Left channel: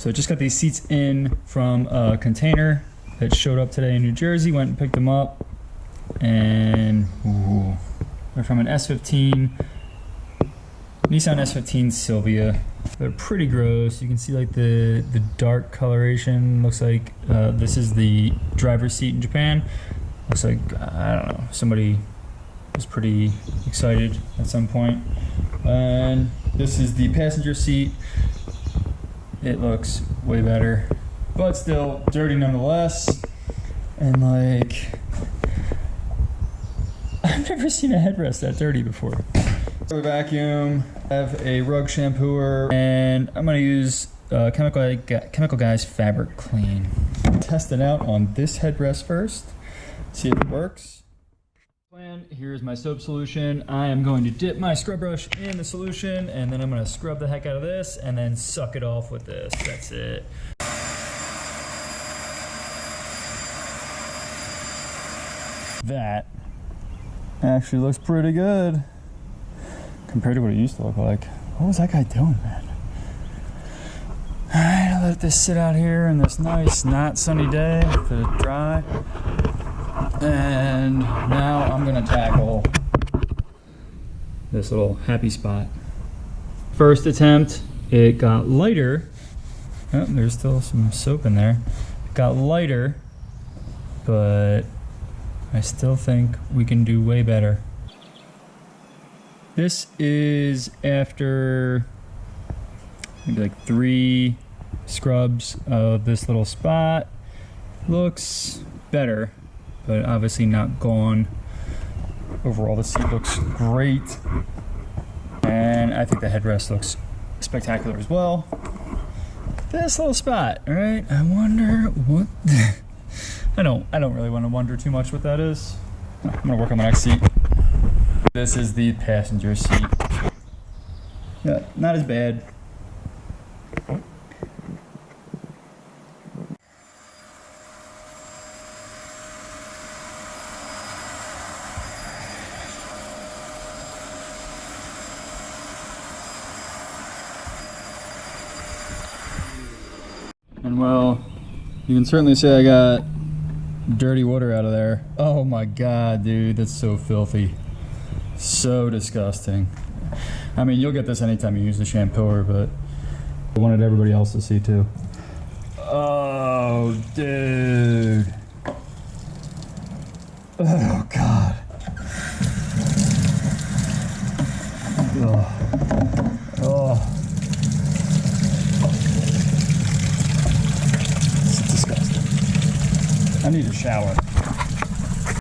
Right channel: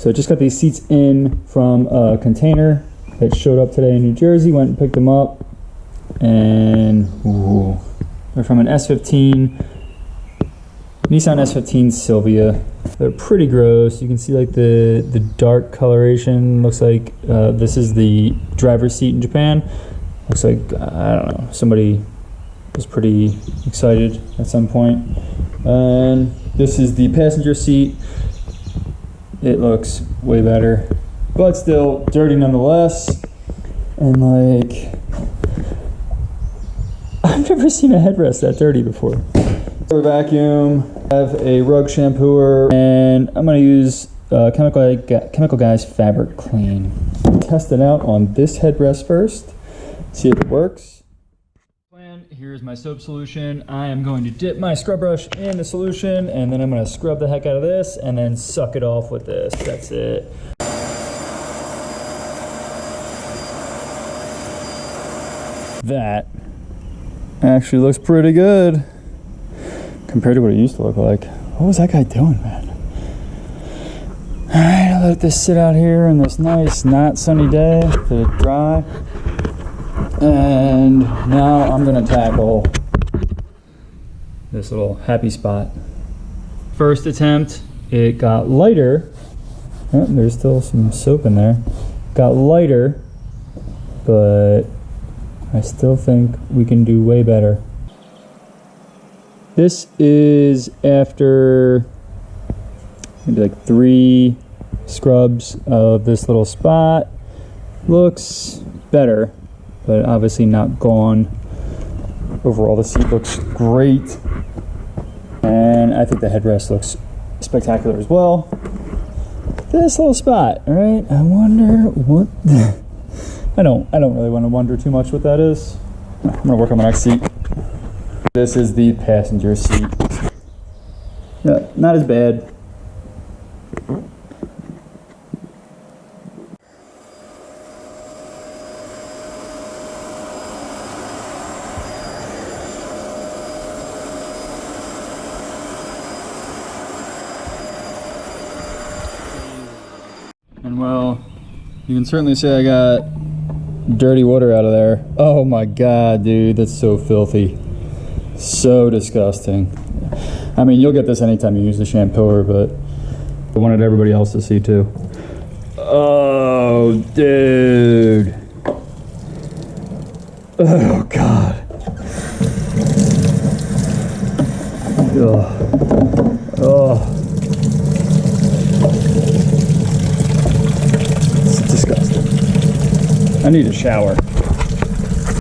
So just got these seats in from a container that showed up today in New Jersey. Went and picked them up, and ooh, they're from an S15, Nissan S15 Silvia. They're pretty gross. You can see like the dark coloration. Looks like this is the driver's seat in Japan. Looks like, I don't know, somebody was pretty excited at some point. And this is the passenger seat. It looks way better, but still dirty nonetheless. And like, I've never seen a headrest that dirty before. Vacuum, I have a rug shampooer, and I'm gonna use Chemical Guys Fabric Clean. Test it out on this headrest first, see if it works. Here's my soap solution. I am going to dip my scrub brush in the solution, and then I'm going to scrub the heck out of this and then suck it off with this. That's it. That actually looks pretty good compared to what it used to look like. What was that guy doing, man? All right, I'll let this sit out here on this nice, not sunny day to dry. And now I'm gonna tackle this little happy spot. First attempt, it got lighter. Oh, there's still some soap in there. It got lighter, but I still think we can do way better. This is after maybe like 3 scrubs of this little spot. Looks better, but obviously not gone. Overall, the seat looks great. And I think the headrest looks spectacular as well. This little spot, all right? I wonder what, I don't really want to wonder too much what that is. I'm gonna work on the next seat. This is the passenger seat. Yeah, not as bad. And well, you can certainly say I got dirty water out of there. Oh my God, dude, that's so filthy. So disgusting. I mean, you'll get this anytime you use the shampooer, but I wanted everybody else to see too. Oh, dude. Oh, God. Ugh. Oh. I need a shower.